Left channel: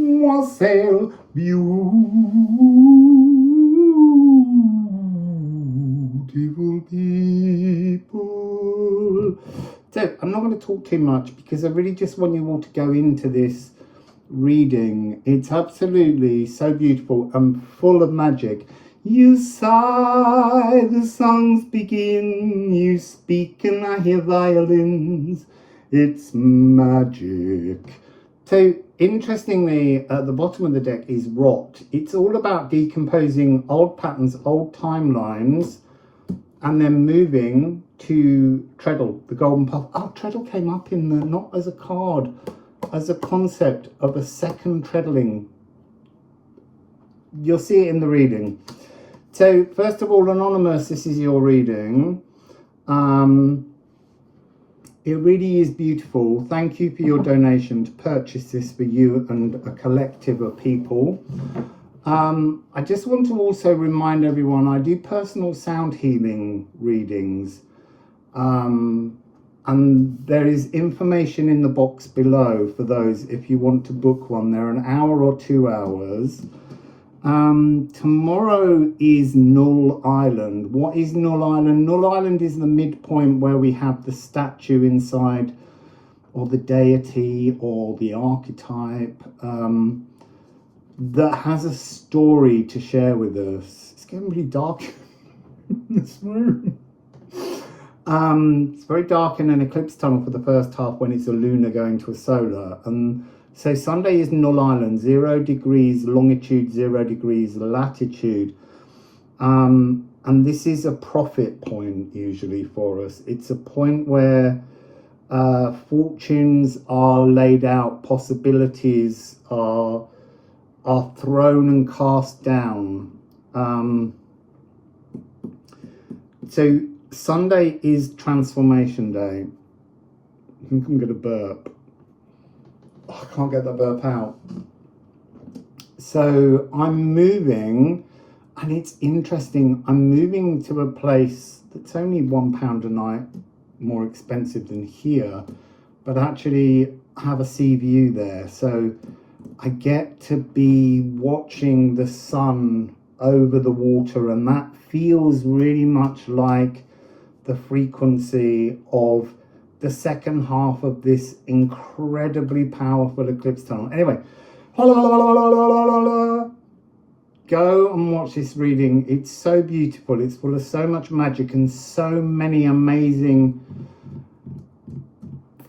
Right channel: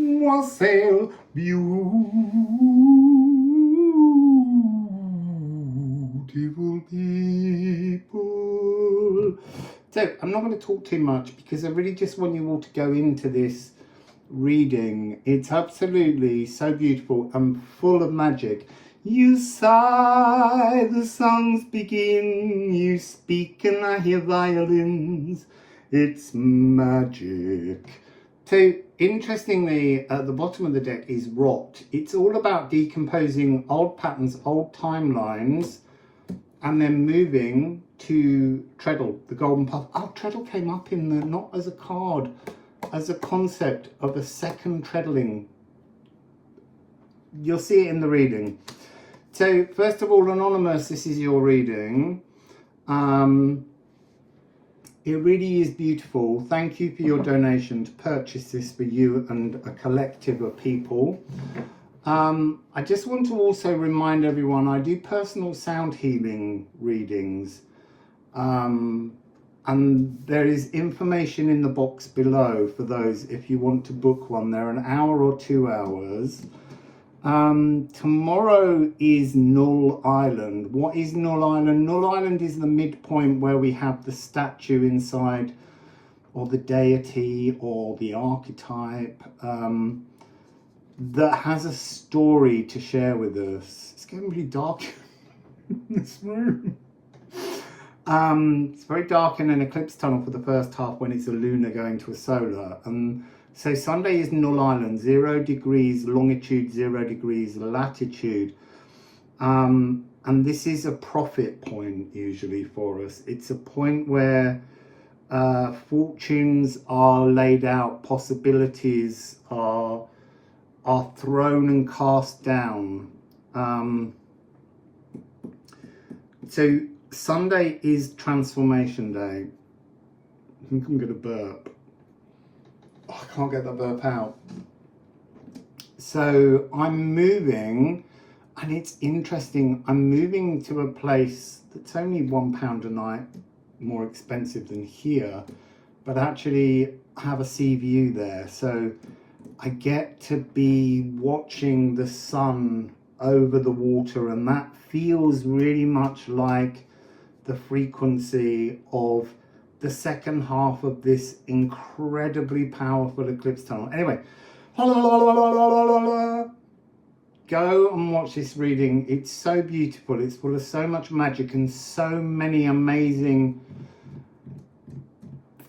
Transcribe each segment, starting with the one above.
Wassail, beautiful people. So I'm not going to talk too much because I really just want you all to go into this reading. It's absolutely so beautiful and full of magic. You sigh, the songs begin, you speak and I hear violins. It's magic. So interestingly, at the bottom of the deck is rot. It's all about decomposing old patterns, old timelines, and then moving to Treadle, the golden path. Oh, Treadle came up in the, not as a card, as a concept of a second treadling. You'll see it in the reading. So first of all, Anonymous, this is your reading. It really is beautiful. Thank you for your donation to purchase this for you and a collective of people. I just want to also remind everyone, I do personal sound healing readings. And there is information in the box below for those if you want to book one. They're an hour or 2 hours. Tomorrow is Null Island. What is Null Island? Null Island is the midpoint where we have the statue inside, or the deity, or the archetype, that has a story to share with us. It's getting really dark in this room. It's very dark in an eclipse tunnel for the first half when it's a lunar going to a solar. So Sunday is Null Island, 0 degrees longitude, 0 degrees latitude. And this is a profit point usually for us. It's a point where fortunes are laid out, possibilities are thrown and cast down. So Sunday is transformation day. I think I'm going to burp. I can't get the burp out. So I'm moving, and it's interesting. I'm moving to a place that's only £1 a night more expensive than here, but actually have a sea view there. So I get to be watching the sun over the water, and that feels really much like the frequency of the second half of this incredibly powerful eclipse tunnel. Anyway, go and watch this reading. It's so beautiful. It's full of so much magic and so many amazing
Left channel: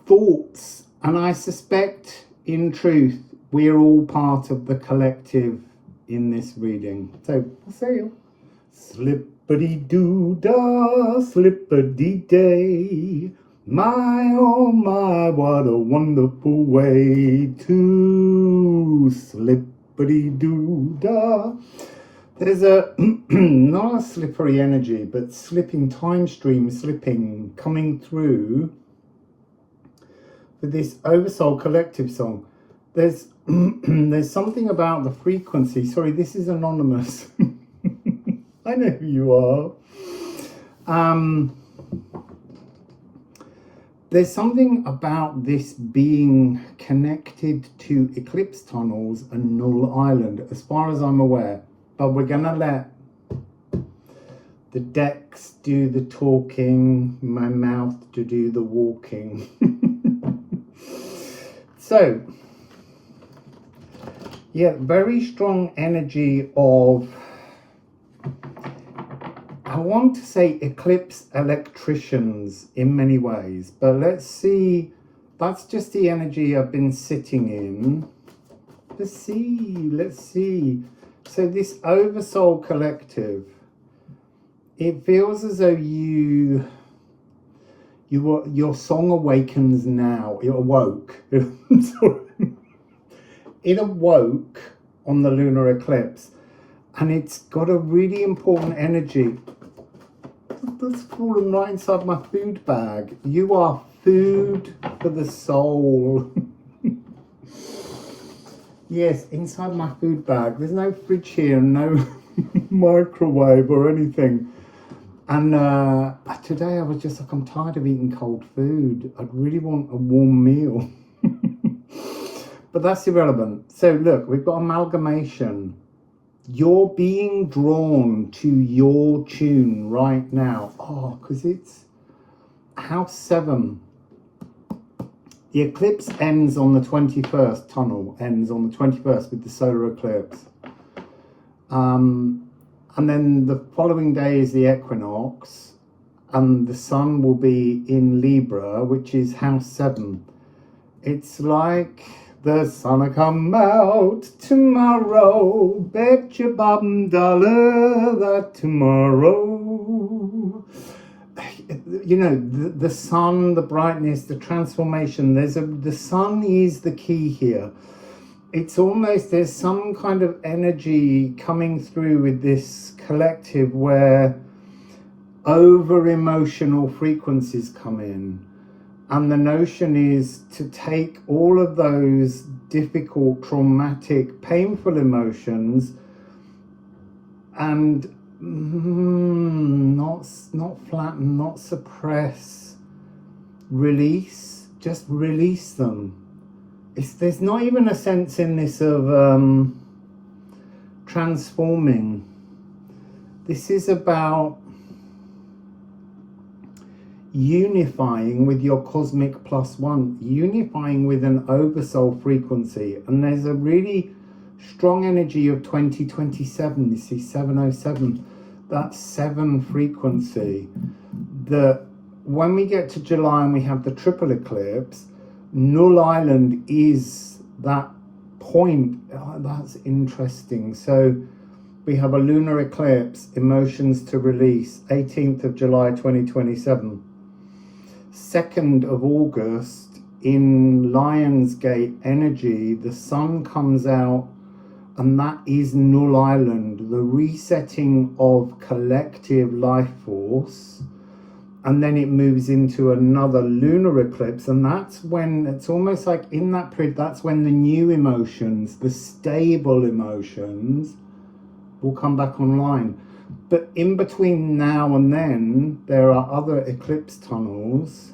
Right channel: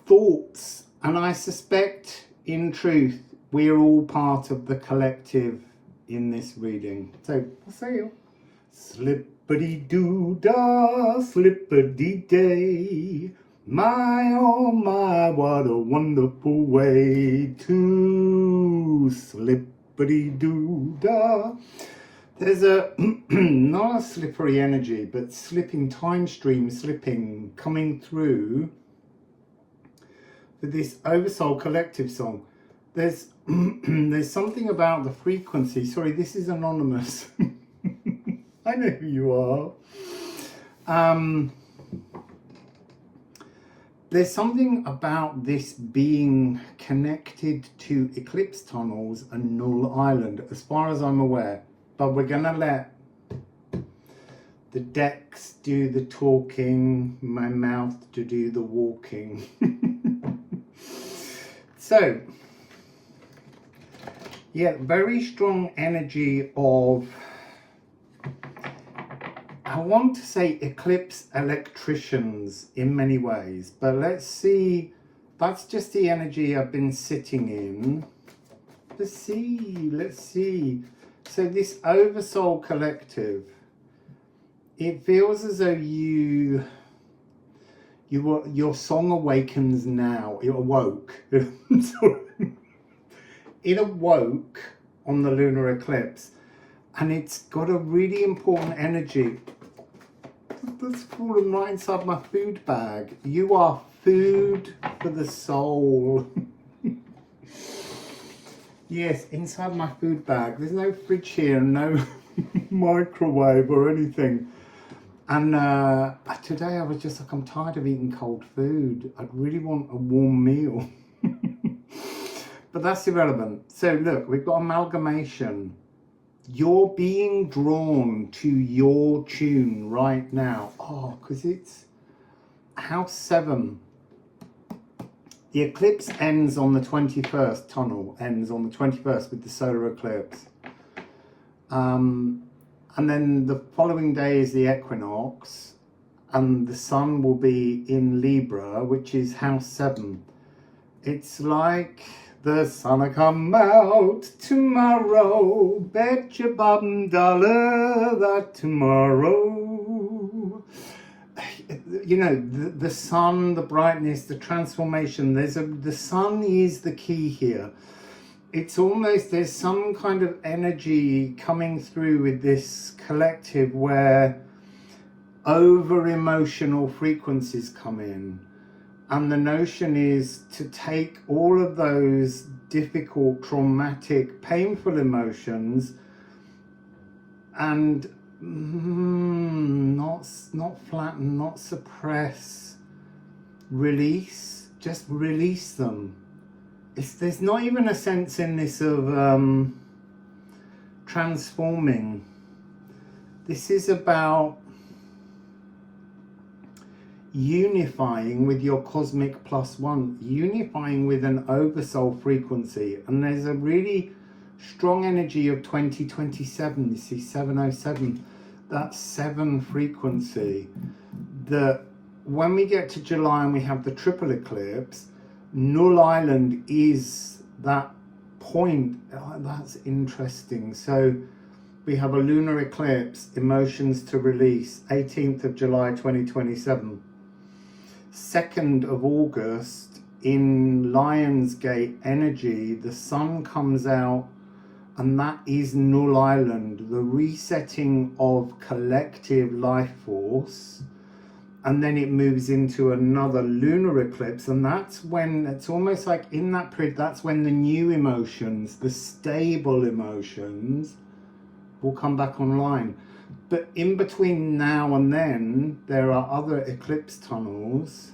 thoughts. And I suspect, in truth, we're all part of the collective in this reading. So, Wassail. Slippity-doo-dah, slippity-day. My, oh my, what a wonderful way to slippity-doo-dah. There's a, not a slippery energy, but slipping, time stream slipping, coming through for this Oversoul collective song. There's something about the frequency. Sorry, this is Anonymous. I know who you are. There's something about this being connected to eclipse tunnels and Null Island, as far as I'm aware. But we're going to let the decks do the talking, my mouth to do the walking. So, yeah, very strong energy of, I want to say eclipse electricians in many ways, but let's see. That's just the energy I've been sitting in. Let's see. So this Oversoul collective, it feels as though your song awakens now. It awoke. It awoke on the lunar eclipse, and it's got a really important energy. That's fallen right inside my food bag. You are food for the soul. Yes, inside my food bag. There's no fridge here, no microwave or anything. And today I was just like, I'm tired of eating cold food. I'd really want a warm meal. But that's irrelevant. So look, we've got amalgamation. You're being drawn to your tune right now. Oh, because it's house 7. The eclipse ends on the 21st. Tunnel ends on the 21st with the solar eclipse. And then the following day is the equinox. And the sun will be in Libra, which is house 7. It's like the sun'll come out tomorrow. Bet your bottom dollar that tomorrow. You know, the sun, the brightness, the transformation. The sun is the key here. It's almost, there's some kind of energy coming through with this collective where over emotional frequencies come in. And the notion is to take all of those difficult, traumatic, painful emotions and not flatten, not suppress, release, just release them. There's not even a sense in this of transforming. This is about unifying with your cosmic +1, unifying with an oversoul frequency. And there's a really strong energy of 2027. You see 707, that 7 frequency, that when we get to July and we have the triple eclipse, Null Island is that point. Oh, that's interesting. So we have a lunar eclipse, emotions to release, 18th of July 2027. 2nd of August in Lionsgate energy, the sun comes out, and that is Null Island, the resetting of collective life force. And then it moves into another lunar eclipse, and that's when it's almost like in that period, that's when the new emotions, the stable emotions, will come back online. But in between now and then, there are other eclipse tunnels.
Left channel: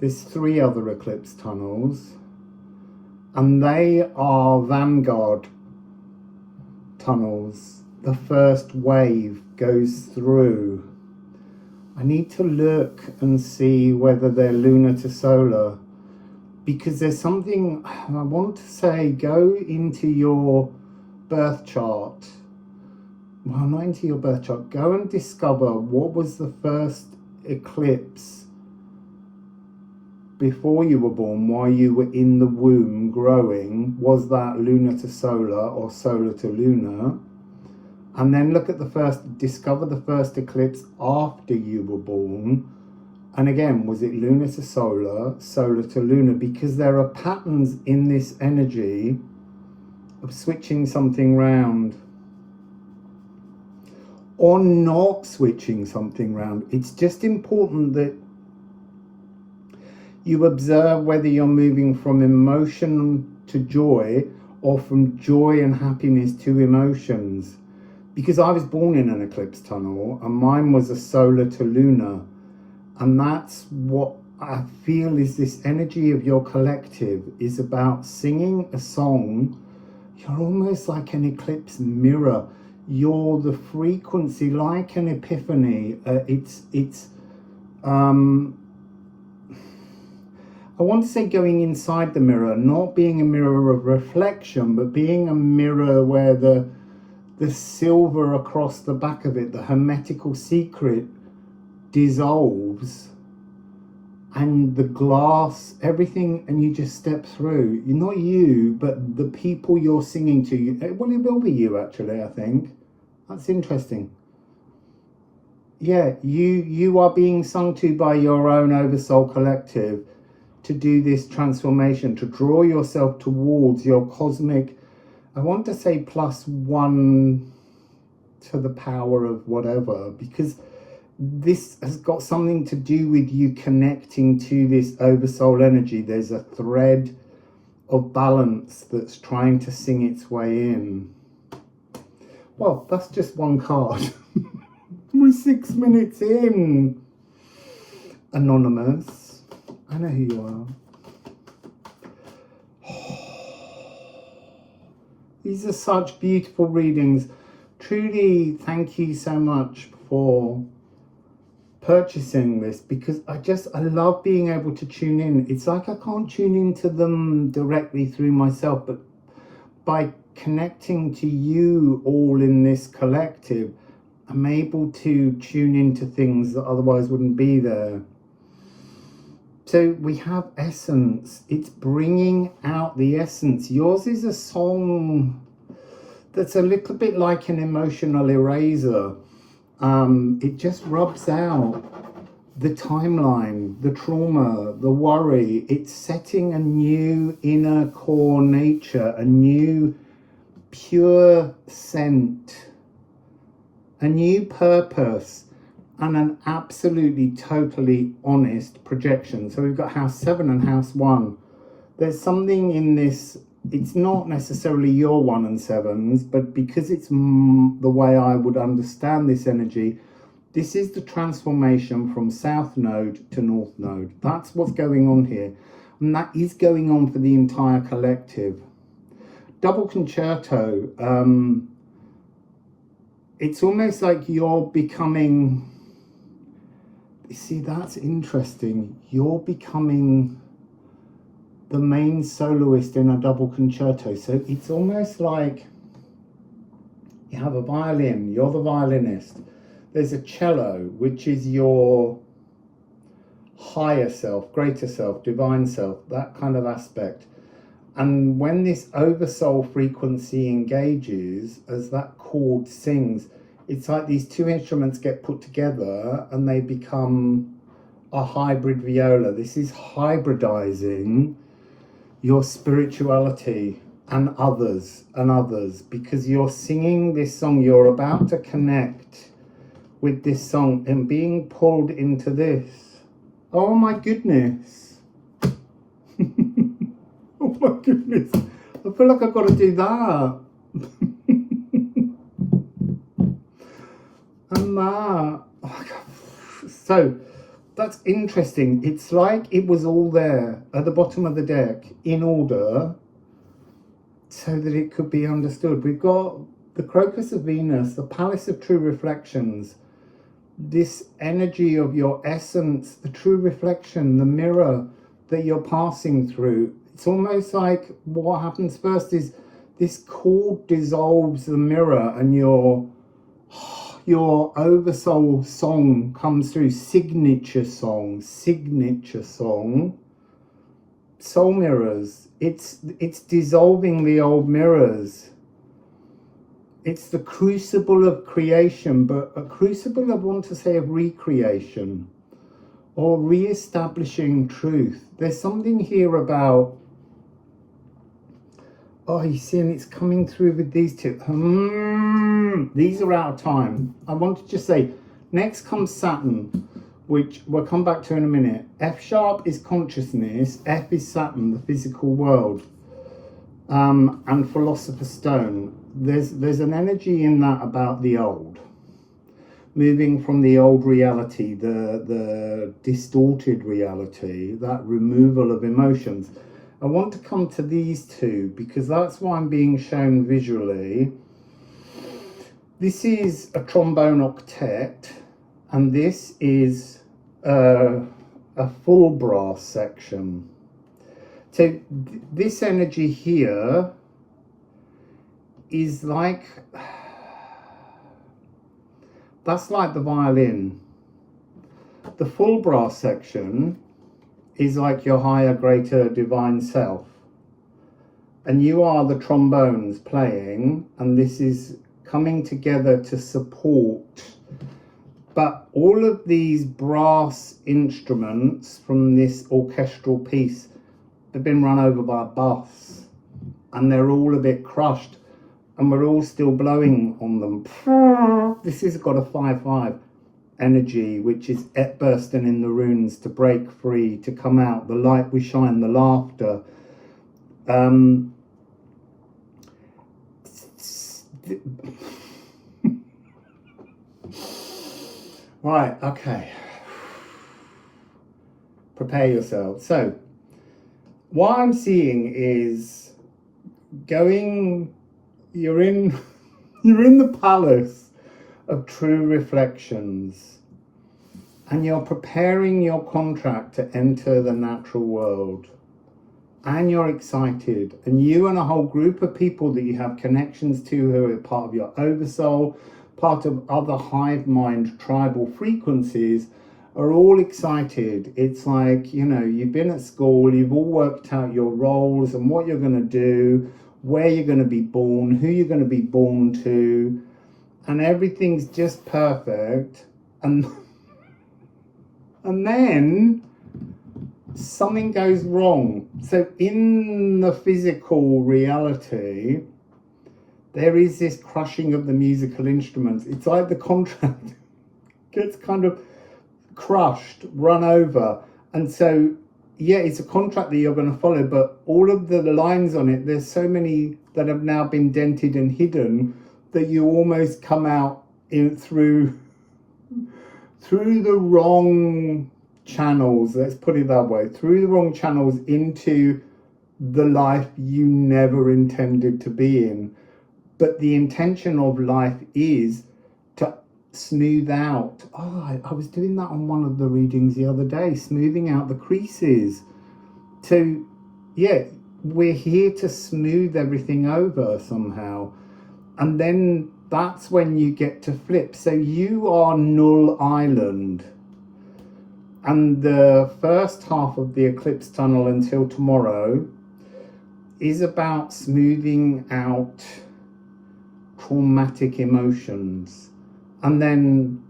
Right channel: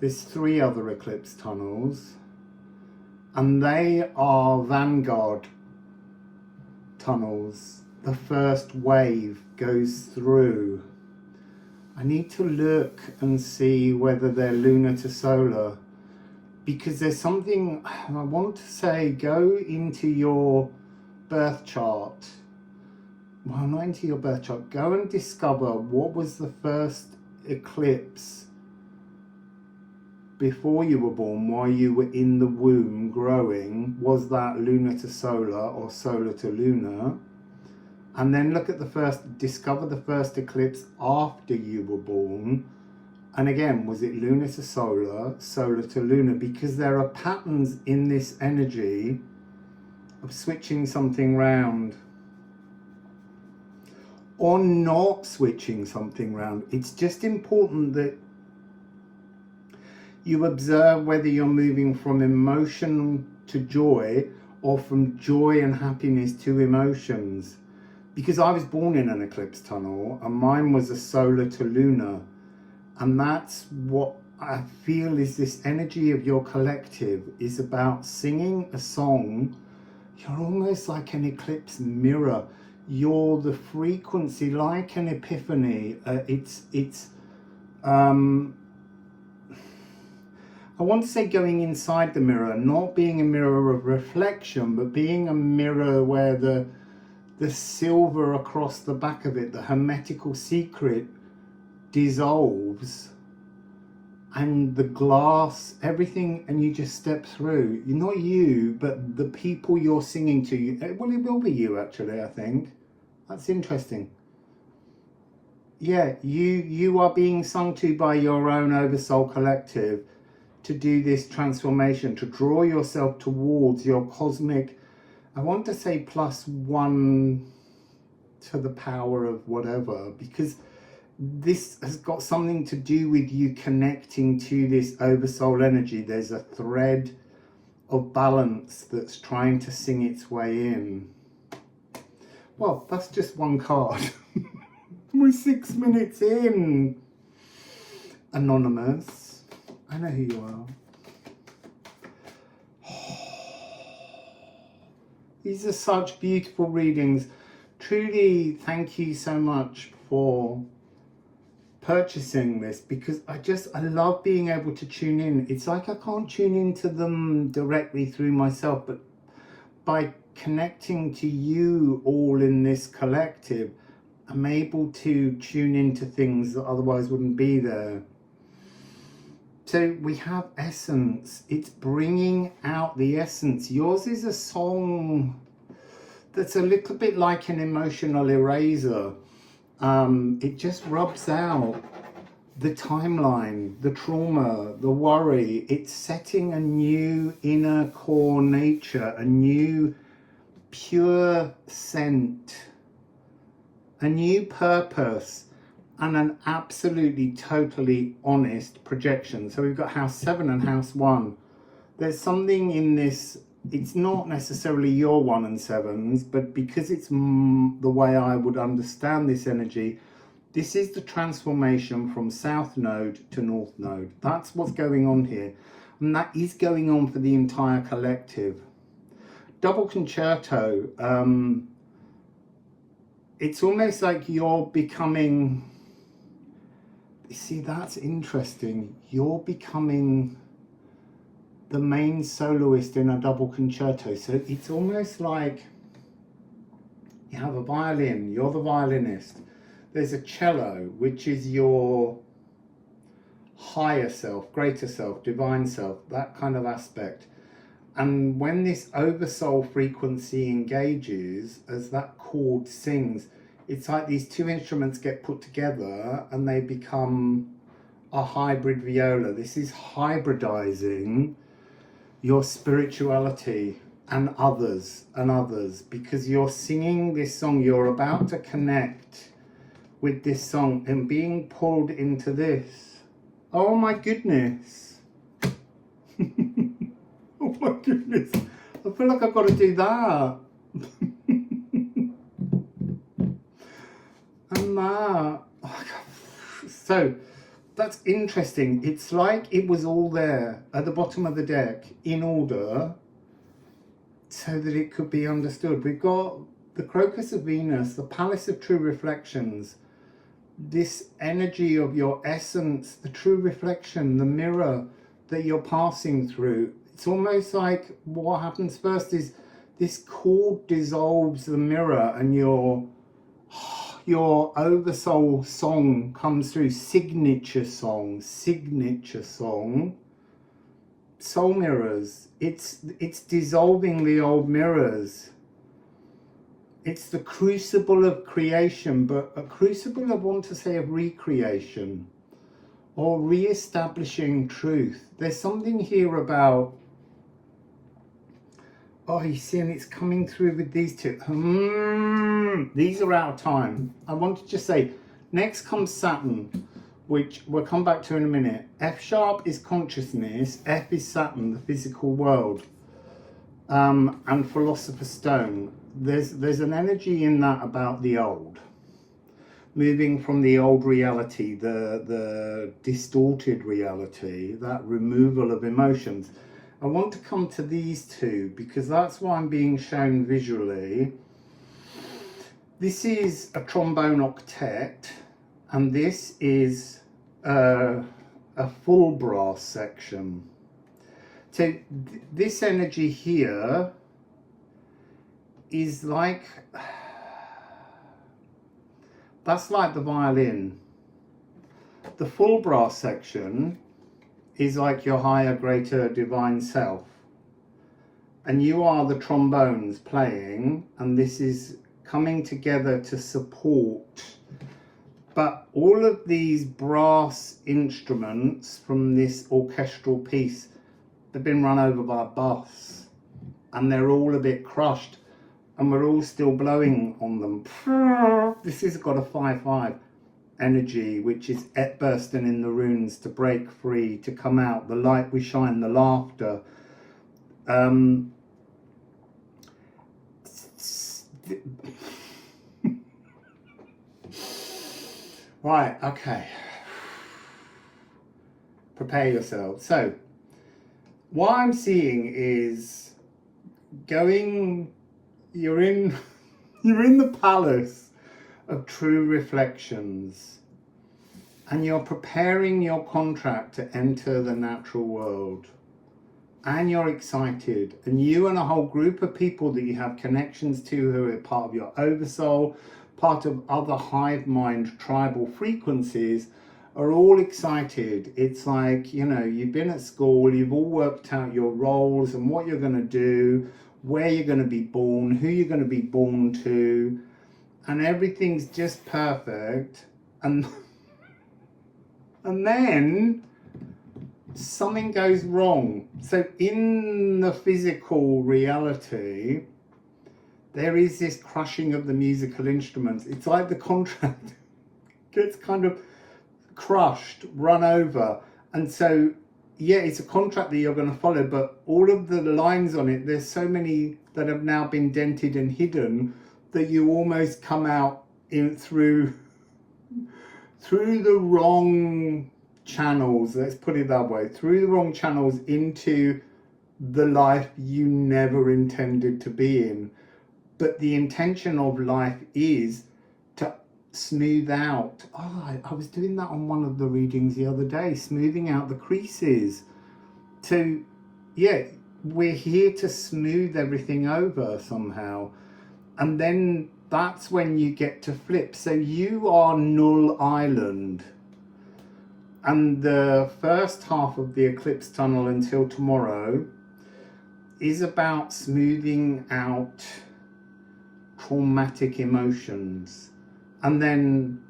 There's 3 other eclipse tunnels, and they are vanguard tunnels. The first wave goes through. I need to look and see whether they're lunar to solar, because there's something I want to say. Go into your birth chart. Well, not into your birth chart. Go and discover what was the first eclipse before you were born, while you were in the womb growing. Was that lunar to solar or solar to lunar? And then look at discover the first eclipse after you were born. And again, was it lunar to solar, solar to lunar? Because there are patterns in this energy of switching something round or not switching something round. It's just important that you observe whether you're moving from emotion to joy or from joy and happiness to emotions. Because I was born in an eclipse tunnel, and mine was a solar to lunar. And that's what I feel is this energy of your collective is about singing a song. You're almost like an eclipse mirror. You're the frequency, like an epiphany. I want to say going inside the mirror, not being a mirror of reflection, but being a mirror where the silver across the back of it, the hermetical secret, dissolves, and the glass, everything, and you just step through. You're not you, but the people you're singing to. Well, it will be you, actually, I think. That's interesting. Yeah, you are being sung to by your own Oversoul collective to do this transformation, to draw yourself towards your cosmic, I want to say +1 to the power of whatever, because this has got something to do with you connecting to this Oversoul energy. There's a thread of balance that's trying to sing its way in. Well, that's just one card. We're 6 minutes in. Anonymous, I know who you are. These are such beautiful readings. Truly, thank you so much for purchasing this, because I love being able to tune in. It's like I can't tune into them directly through myself, but by connecting to you all in this collective, I'm able to tune into things that otherwise wouldn't be there. So we have essence. It's bringing out the essence. Yours is a song that's a little bit like an emotional eraser. It just rubs out the timeline, the trauma, the worry. It's setting a new inner core nature, a new pure scent, a new purpose, and an absolutely totally honest projection. So we've got house 7 and house 1. There's something in this. It's not necessarily your 1 and 7s, but because it's the way I would understand this energy, this is the transformation from South Node to North Node. That's what's going on here. And that is going on for the entire collective. Double concerto. It's almost like you're becoming... See, that's interesting. You're becoming the main soloist in a double concerto. So it's almost like you have a violin, you're the violinist. There's a cello, which is your higher self, greater self, divine self, that kind of aspect. And when this oversoul frequency engages, as that chord sings, it's like these two instruments get put together and they become a hybrid viola. This is hybridizing your spirituality and others, because you're singing this song. You're about to connect with this song and being pulled into this. Oh my goodness. Oh my goodness. I feel like I've got to do that. And that. Oh, so that's interesting. It's like it was all there at the bottom of the deck in order so that it could be understood. We've got the Crocus of Venus, the Palace of True Reflections, this energy of your essence, the true reflection, the mirror that you're passing through. It's almost like what happens first is this cord dissolves the mirror and your Oversoul song comes through. Signature song, soul mirrors. It's dissolving the old mirrors. It's the crucible of creation, but a crucible, I want to say, of recreation or re-establishing truth. There's something here about, oh, you see, and it's coming through with these two. These are out of time. I want to just say, next comes Saturn, which we'll come back to in a minute. F sharp is consciousness. F is Saturn, the physical world. And Philosopher's Stone. There's an energy in that about the old. Moving from the old reality, the distorted reality, that removal of emotions. I want to come to these two because that's why I'm being shown visually. This is a trombone octet, and this is a full brass section. So this energy here is like, that's like the violin. The full brass section is like your higher, greater divine self. And you are the trombones playing, and this is coming together to support. But all of these brass instruments from this orchestral piece, they've been run over by a bus, and they're all a bit crushed, and we're all still blowing on them. This has got a 5/5 energy, which is bursting in the runes to break free, to come out, the light we shine, the laughter. Right, okay. Prepare yourself. So, what I'm seeing is going you're in you're in the palace of true reflections, and you're preparing your contract to enter the natural world, and you're excited, and you and a whole group of people that you have connections to who are part of your oversoul, part of other hive mind tribal frequencies, are all excited. It's like, you know, you've been at school, you've all worked out your roles and what you're going to do, where you're going to be born, who you're going to be born to, and everything's just perfect. And then something goes wrong. So in the physical reality, there is this crushing of the musical instruments. It's like the contract gets kind of crushed, run over. And so, yeah, it's a contract that you're going to follow, but all of the lines on it, there's so many that have now been dented and hidden that you almost come out through the wrong channels, let's put it that way, through the wrong channels into the life you never intended to be in. But the intention of life is to smooth out. I was doing that on one of the readings the other day, smoothing out the creases. So yeah, we're here to smooth everything over somehow. And then that's when you get to flip. So you are Null Island. And the first half of the eclipse tunnel until tomorrow is about smoothing out traumatic emotions. And then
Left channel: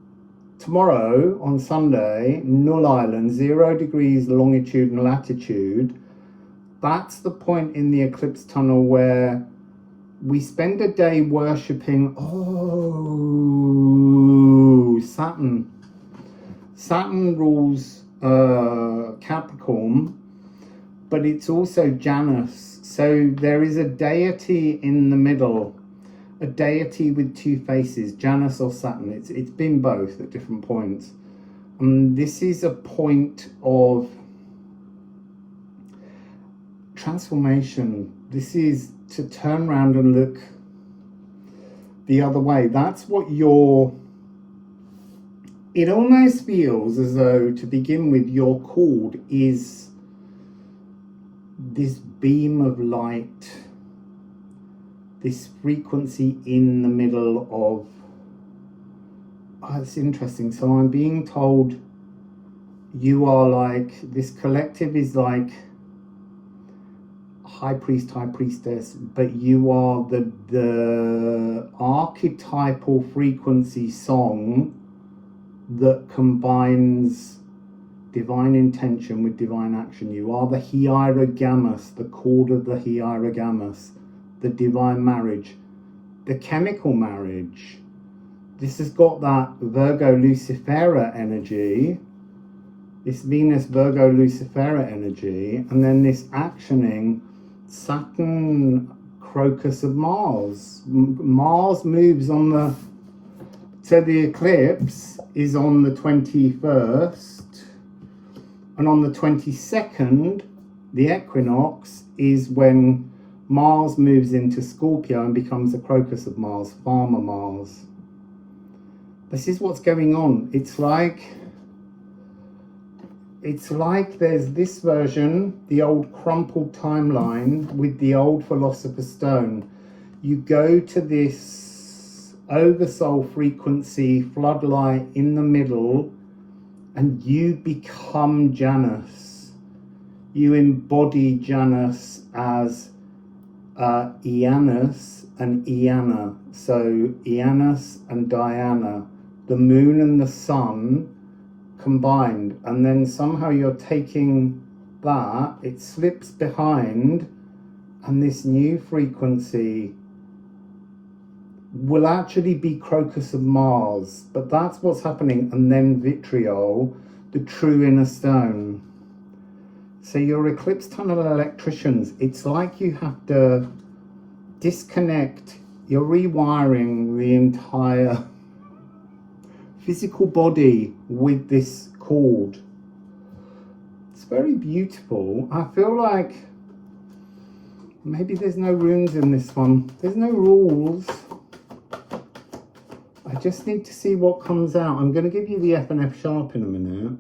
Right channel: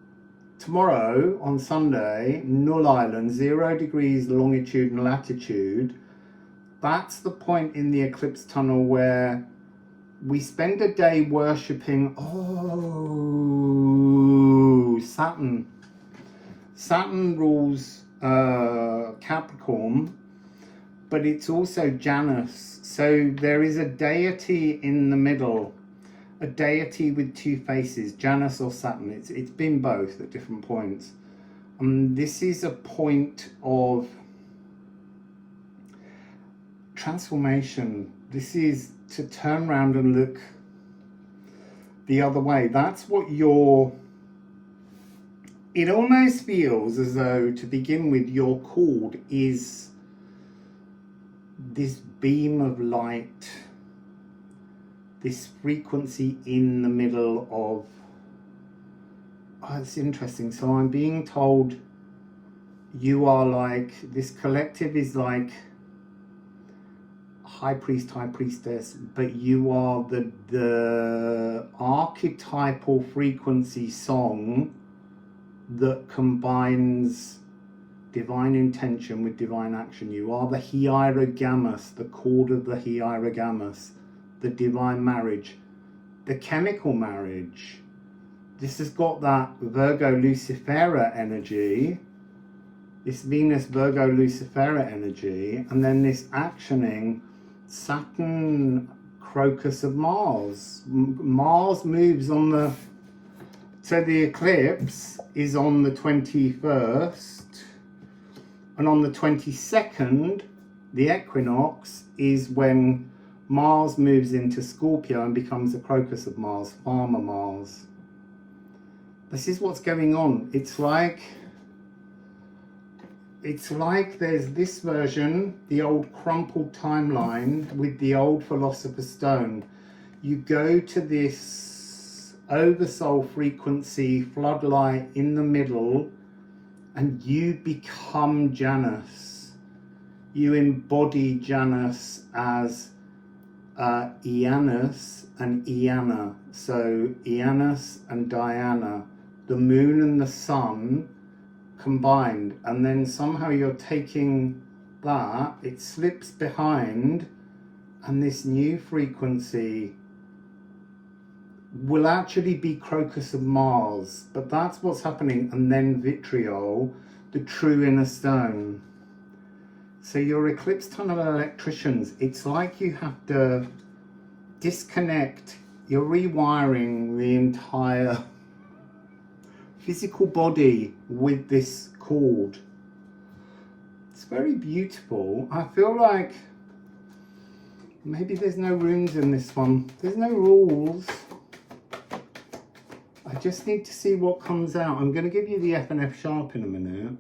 tomorrow, on Sunday, Null Island, 0 degrees longitude and latitude, that's the point in the eclipse tunnel where we spend a day worshipping, Saturn. Saturn rules Capricorn, but it's also Janus. So there is a deity in the middle, a deity with two faces, Janus or Saturn. It's been both at different points. This is a point of transformation. This is to turn around and look the other way. That's what it almost feels as though, to begin with, your cord is this beam of light, this frequency in the middle of, it's interesting. So I'm being told you are like, this collective is like high priest, high priestess, but you are the archetypal frequency song that combines divine intention with divine action. You are the hierogamous, the cord of the hierogamous, the divine marriage, the chemical marriage. This has got that Virgo Lucifera energy, this Venus Virgo Lucifera energy, and then this actioning Saturn Crocus of Mars. Mars moves on the, so the eclipse is on the 21st, and on the 22nd, the equinox is when Mars moves into Scorpio and becomes the Crocus of Mars, Farmer Mars. This is what's going on. It's like there's this version, the old crumpled timeline with the old Philosopher's Stone. You go to this oversoul frequency floodlight in the middle, and you become Janus. You embody Janus as Janus and Ædan. So Janus and Diana, the moon and the sun combined, and then somehow you're taking that, it slips behind, and this new frequency will actually be Crocus of Mars, but that's what's happening. And then Vitriol, the true inner stone. So your eclipse tunnel electricians, it's like you have to disconnect, you're rewiring the entire physical body with this cord. It's very beautiful. I feel like Maybe there's no runes in this one. There's no rules. I just need to see what comes out. I'm going to give you the F and F sharp in a minute.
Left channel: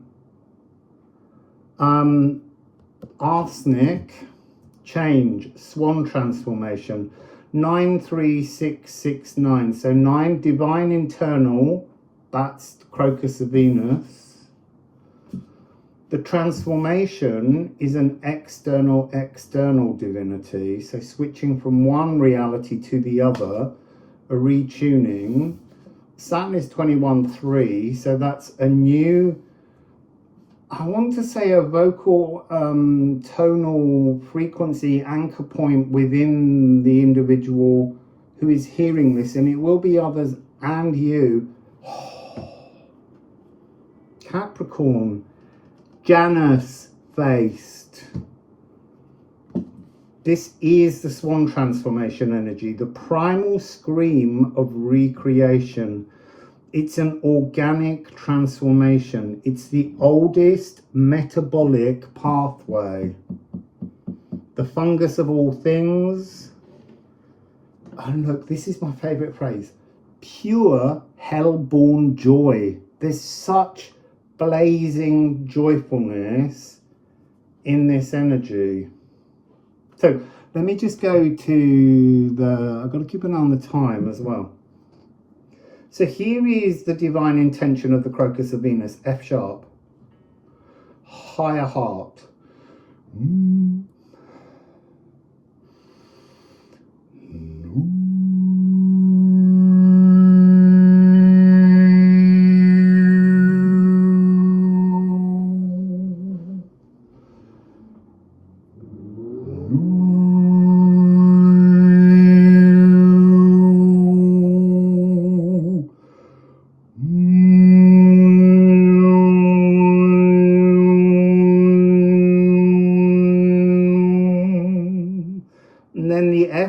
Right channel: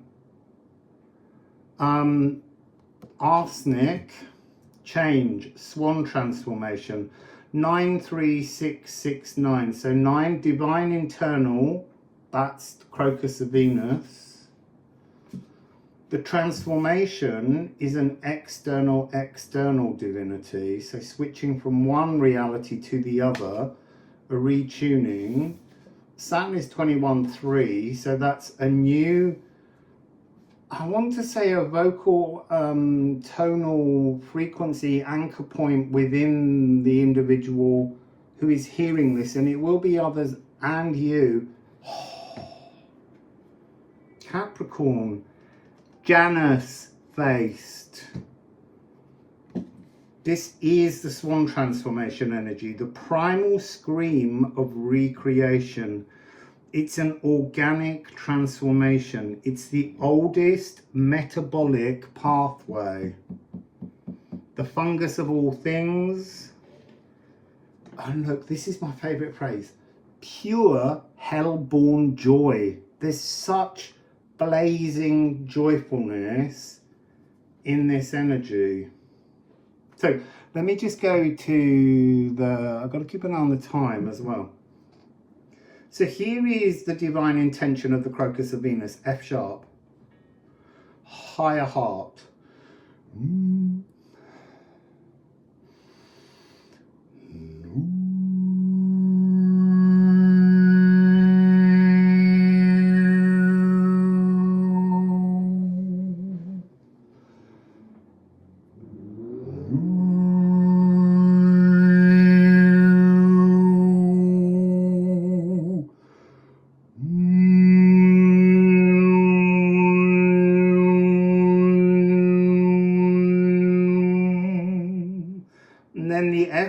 Arsenic, change, swan transformation, 93669. So 9, divine internal, that's Crocus of Venus. The transformation is an external divinity. So switching from one reality to the other, a retuning. Saturn is 21.3, so that's a new, I want to say, a vocal tonal frequency anchor point within the individual who is hearing this, and it will be others and you. Capricorn, Janus faced. This is the swan transformation energy, the primal scream of recreation. It's an organic transformation. It's the oldest metabolic pathway. The fungus of all things. And look, this is my favorite phrase. Pure hell-born joy. There's such blazing joyfulness in this energy. So let me just go to the, I've got to keep an eye on the time as well. So here is the divine intention of the Crocus of Venus, F sharp, higher heart.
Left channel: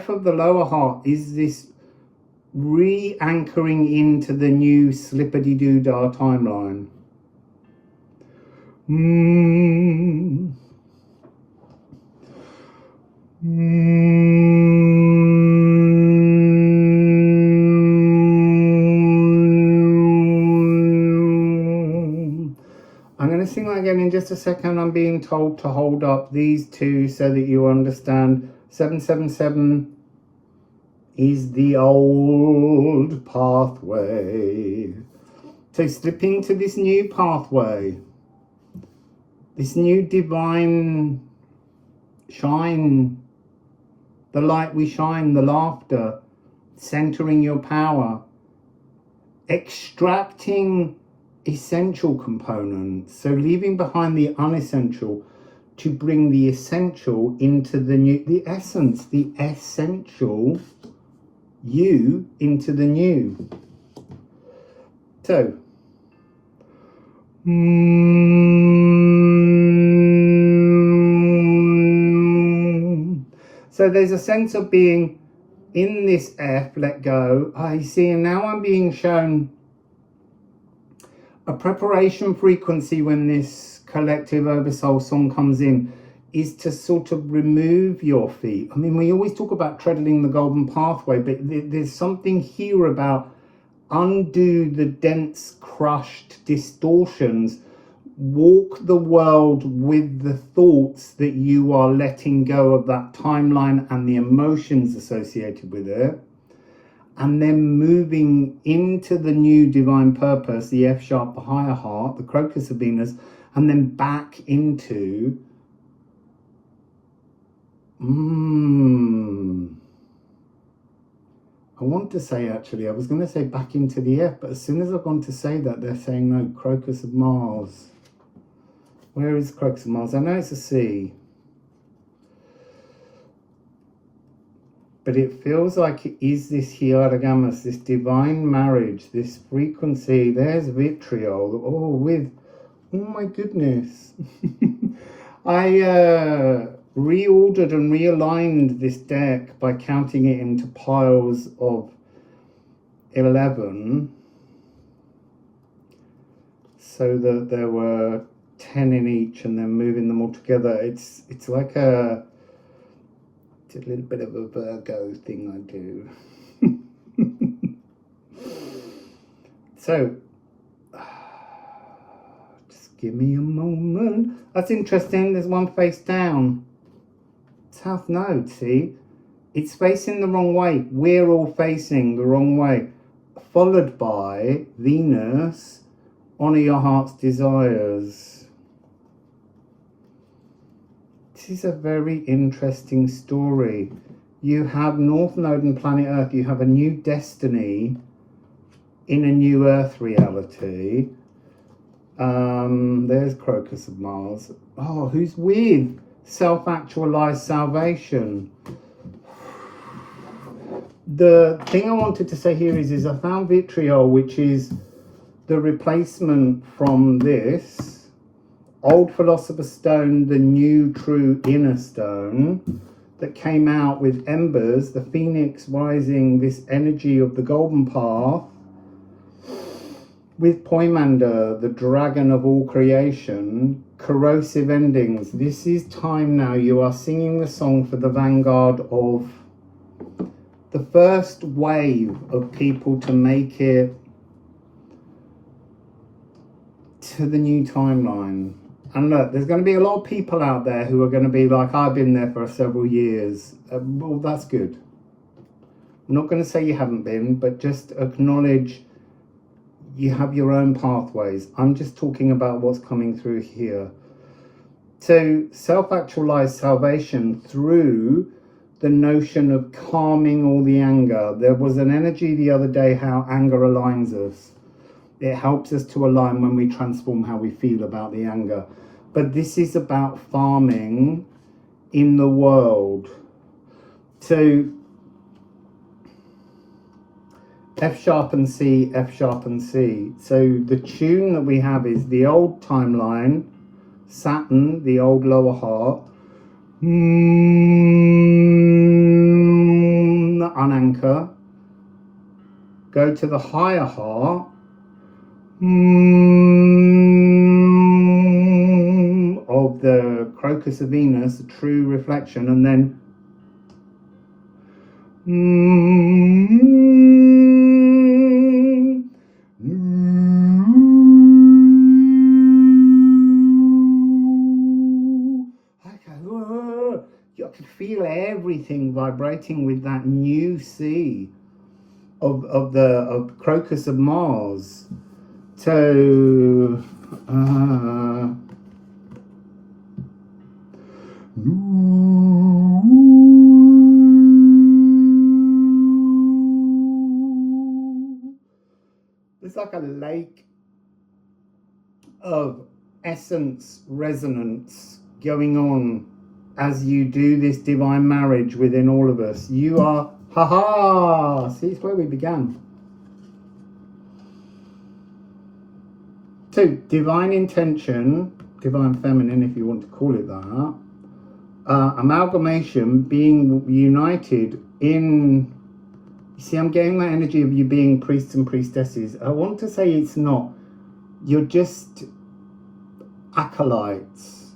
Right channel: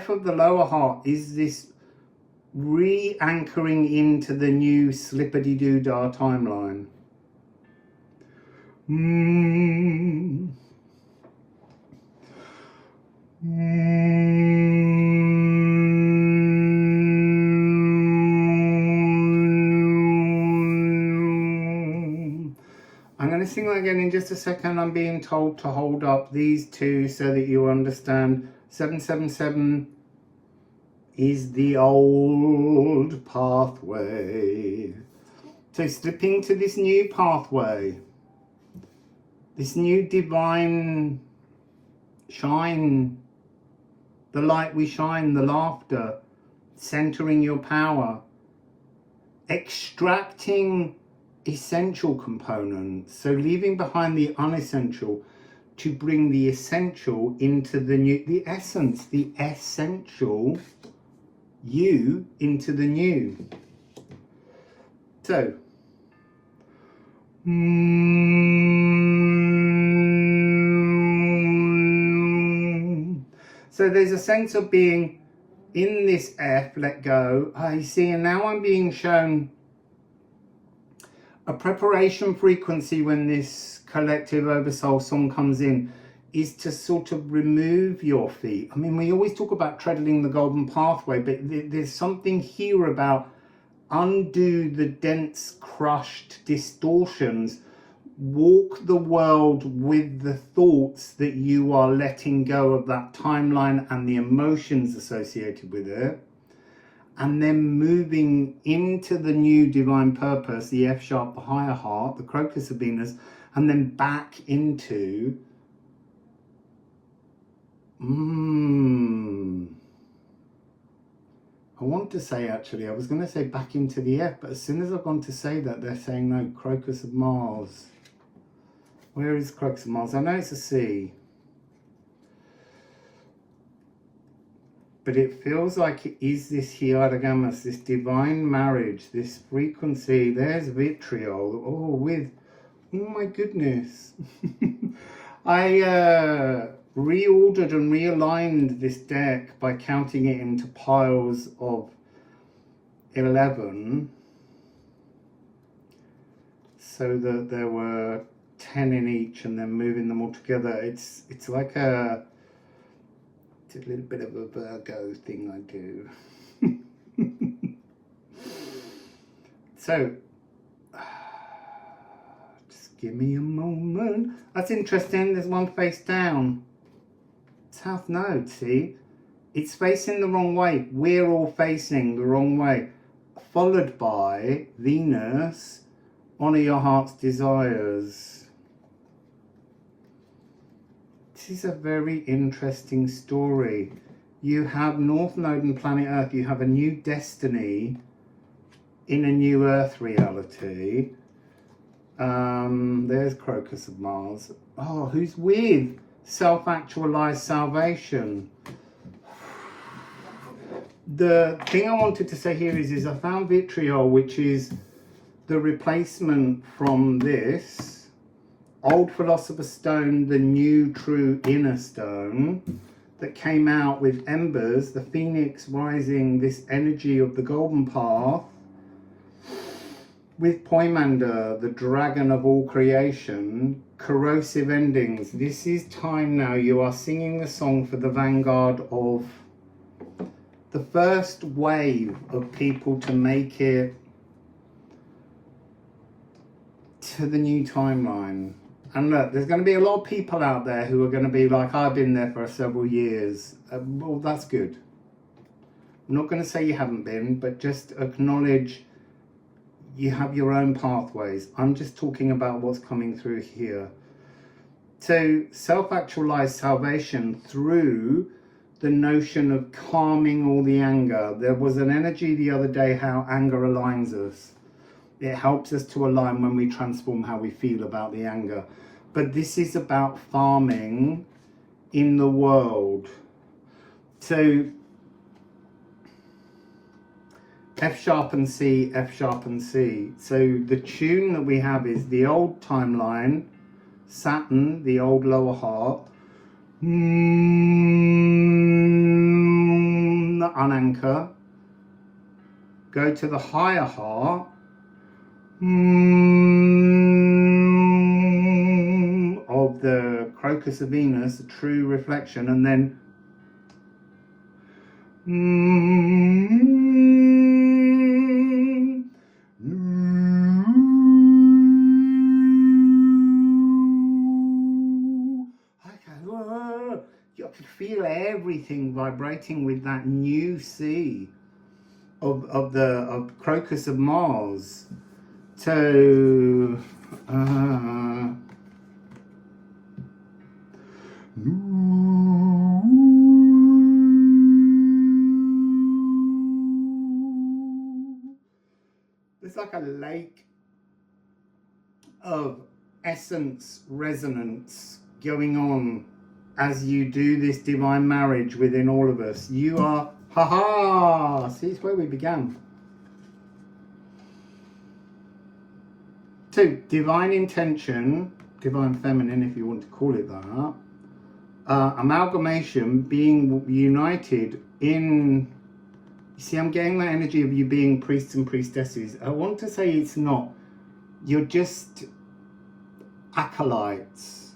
Of the lower heart is this re-anchoring into the new slippity-doo-dah timeline. I'm going to sing that again in just a second. I'm being told to hold up these two so that you understand. 777 is the old pathway. So slipping to this new pathway, this new divine shine, the light we shine, the laughter, centering your power, extracting essential components, so leaving behind the unessential to bring the essential into the new, the essence, the essential you into the new. So so there's a sense of being in this F, let go. You see, and now I'm being shown a preparation frequency when this collective Oversoul song comes in is to sort of remove your feet. I mean, we always talk about treading the golden pathway, but there's something here about undo the dense, crushed distortions, walk the world with the thoughts that you are letting go of that timeline and the emotions associated with it, and then moving into the new divine purpose, the F sharp, the higher heart, the Crocus of Venus, and then back into I want to say, actually, I was going to say back into the F, but as soon as I've gone to say that, they're saying no, Crocus of Mars. Where is Crocus of Mars? I know it's a C, but it feels like it is this Hiaragamas, this divine marriage, this frequency. There's vitriol. Oh, my goodness. I reordered and realigned this deck by counting it into piles of 11, so that there were 10 in each, and then moving them all together. It's like a It's a little bit of a Virgo thing I do. So, just give me a moment. That's interesting. There's one face down. South Node, see? It's facing the wrong way. We're all facing the wrong way. Followed by Venus, honor your heart's desires. This is a very interesting story. You have North Node and planet Earth. You have a new destiny in a new Earth reality. There's Crocus of Mars. Oh, who's with? Self-actualized salvation. The thing I wanted to say here is I found vitriol, which is the replacement from this old Philosopher's Stone, the new true inner stone that came out with embers, the phoenix rising, this energy of the golden path, with Poimander, the dragon of all creation, corrosive endings. This is time now. You are singing the song for the vanguard of the first wave of people to make it to the new timeline. And look, there's going to be a lot of people out there who are going to be like, I've been there for several years. Well, that's good. I'm not going to say you haven't been, but just acknowledge you have your own pathways. I'm just talking about what's coming through here. So self-actualized salvation through the notion of calming all the anger. There was an energy the other day how anger aligns us. It helps us to align when we transform how we feel about the anger. But this is about farming in the world. So F sharp and C, F sharp and C. So the tune that we have is the old timeline, Saturn, the old lower heart, unanchor, go to the higher heart, of the Crocus of Venus, the true reflection, and then you can feel everything vibrating with that new C of Crocus of Mars. So there's like a lake of essence resonance going on as you do this divine marriage within all of us. You are, see, it's where we began. So divine intention, divine feminine if you want to call it that, amalgamation, being united in, you see, I'm getting that energy of you being priests and priestesses. I want to say it's not, you're just acolytes.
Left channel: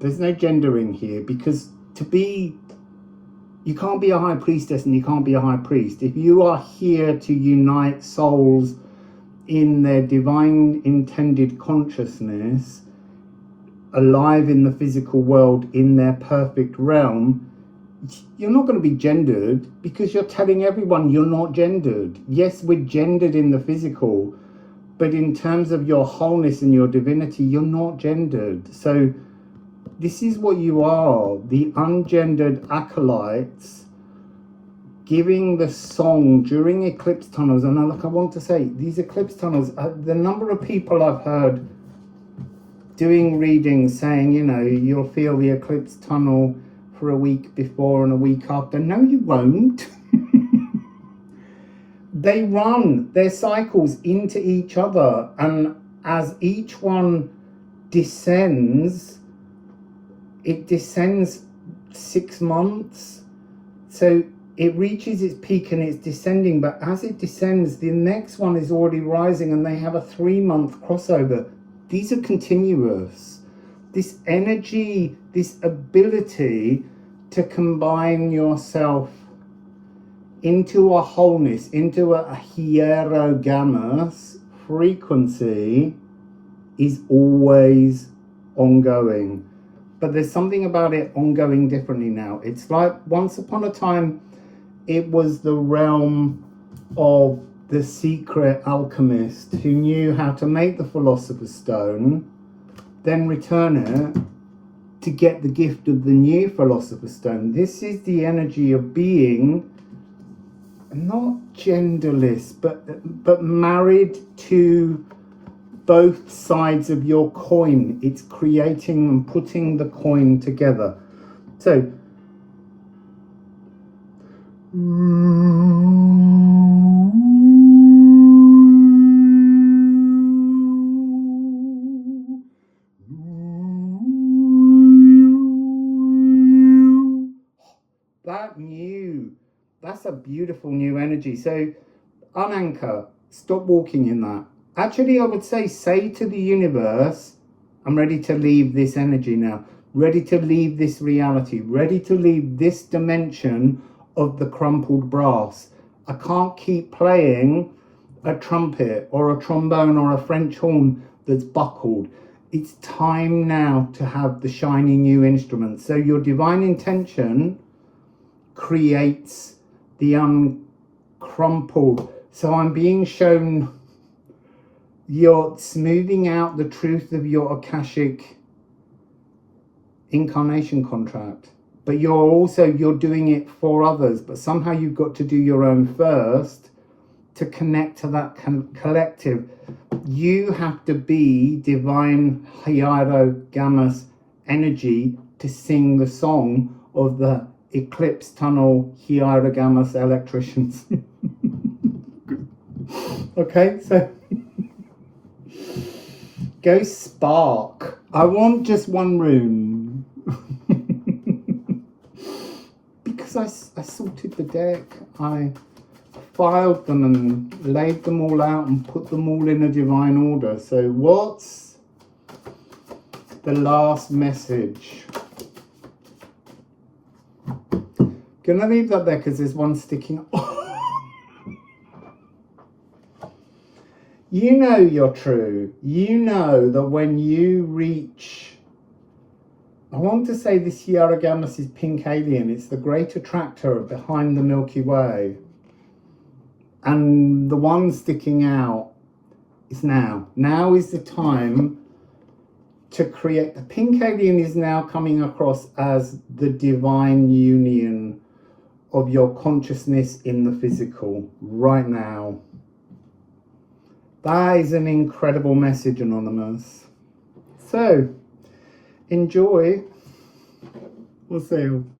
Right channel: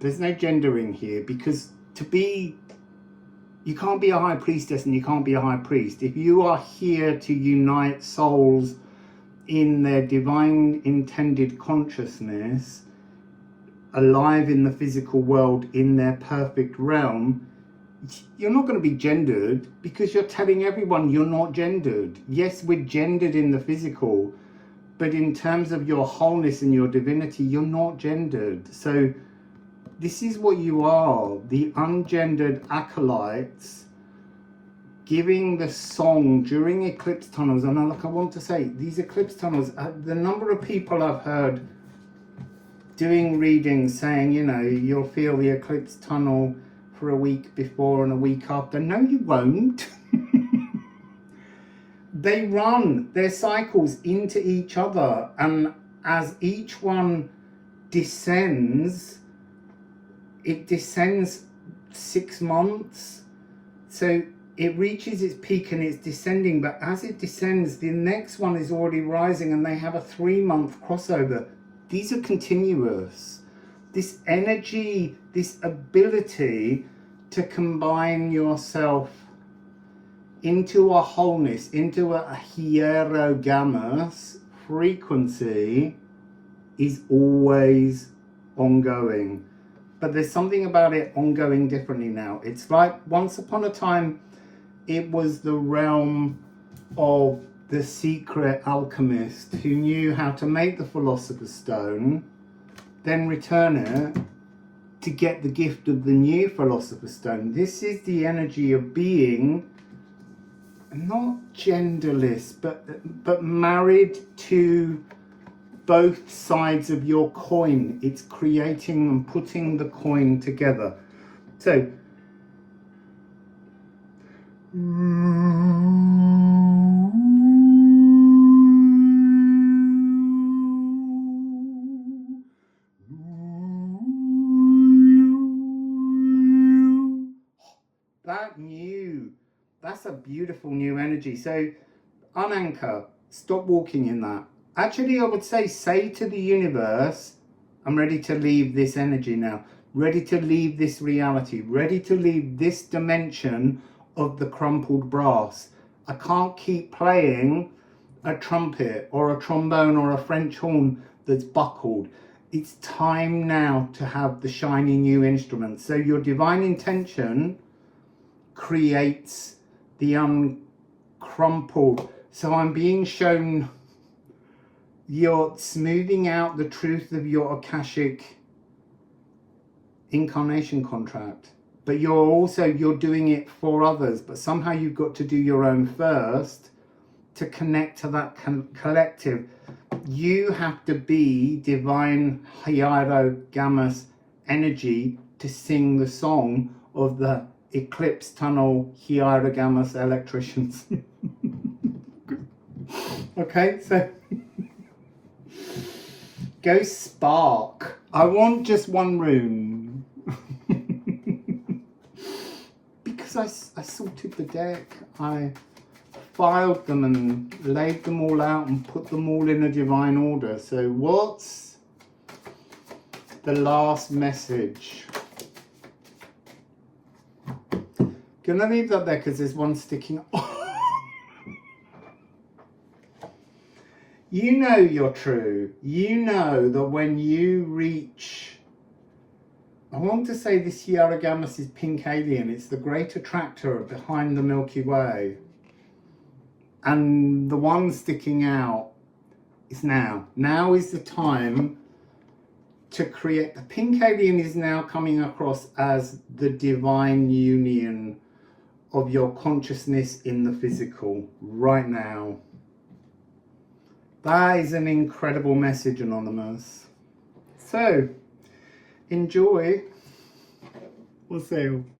There's no gendering here, because you can't be a high priestess and you can't be a high priest. If you are here to unite souls in their divine intended consciousness, alive in the physical world in their perfect realm, you're not going to be gendered, because you're telling everyone you're not gendered. Yes, we're gendered in the physical, but in terms of your wholeness and your divinity, you're not gendered. So this is what you are, the ungendered acolytes, giving the song during eclipse tunnels. And I want to say, these eclipse tunnels, the number of people I've heard doing readings saying, you know, you'll feel the eclipse tunnel for a week before and a week after. No, you won't. They run their cycles into each other, and as each one descends, it descends 6 months. So it reaches its peak and it's descending, but as it descends, the next one is already rising, and they have a 3-month crossover. These are continuous. This energy, this ability to combine yourself into a wholeness, into a hierogamous frequency, is always ongoing. But there's something about it ongoing differently now. It's like once upon a time, it was the realm of the secret alchemist who knew how to make the Philosopher's Stone, then return it to get the gift of the new Philosopher's Stone. This is the energy of being not genderless, but married to both sides of your coin. It's creating and putting the coin together. So that's a beautiful new energy. So unanchor, stop walking in that. Actually, I would say to the universe, I'm ready to leave this energy now, ready to leave this reality, ready to leave this dimension of the crumpled brass. I can't keep playing a trumpet or a trombone or a French horn that's buckled. It's time now to have the shiny new instrument. So your divine intention creates the uncrumpled. So I'm being shown you're smoothing out the truth of your Akashic incarnation contract, but you're doing it for others, but somehow you've got to do your own first to connect to that collective. You have to be divine hierogamous energy to sing the song of the Eclipse tunnel hierogamous electricians. Okay, so go spark. I want just one rune. Because I sorted the deck, I filed them and laid them all out and put them all in a divine order. So what's the last message? Gonna leave that there because there's one sticking. You know you're true. You know that when you reach, I want to say this hierogamous is pink alien. It's the great attractor behind the Milky Way. And the one sticking out is now. Now is the time to create. The pink alien is now coming across as the divine union of your consciousness in the physical right now. That is an incredible message, Anonymous. So, enjoy. We'll see you.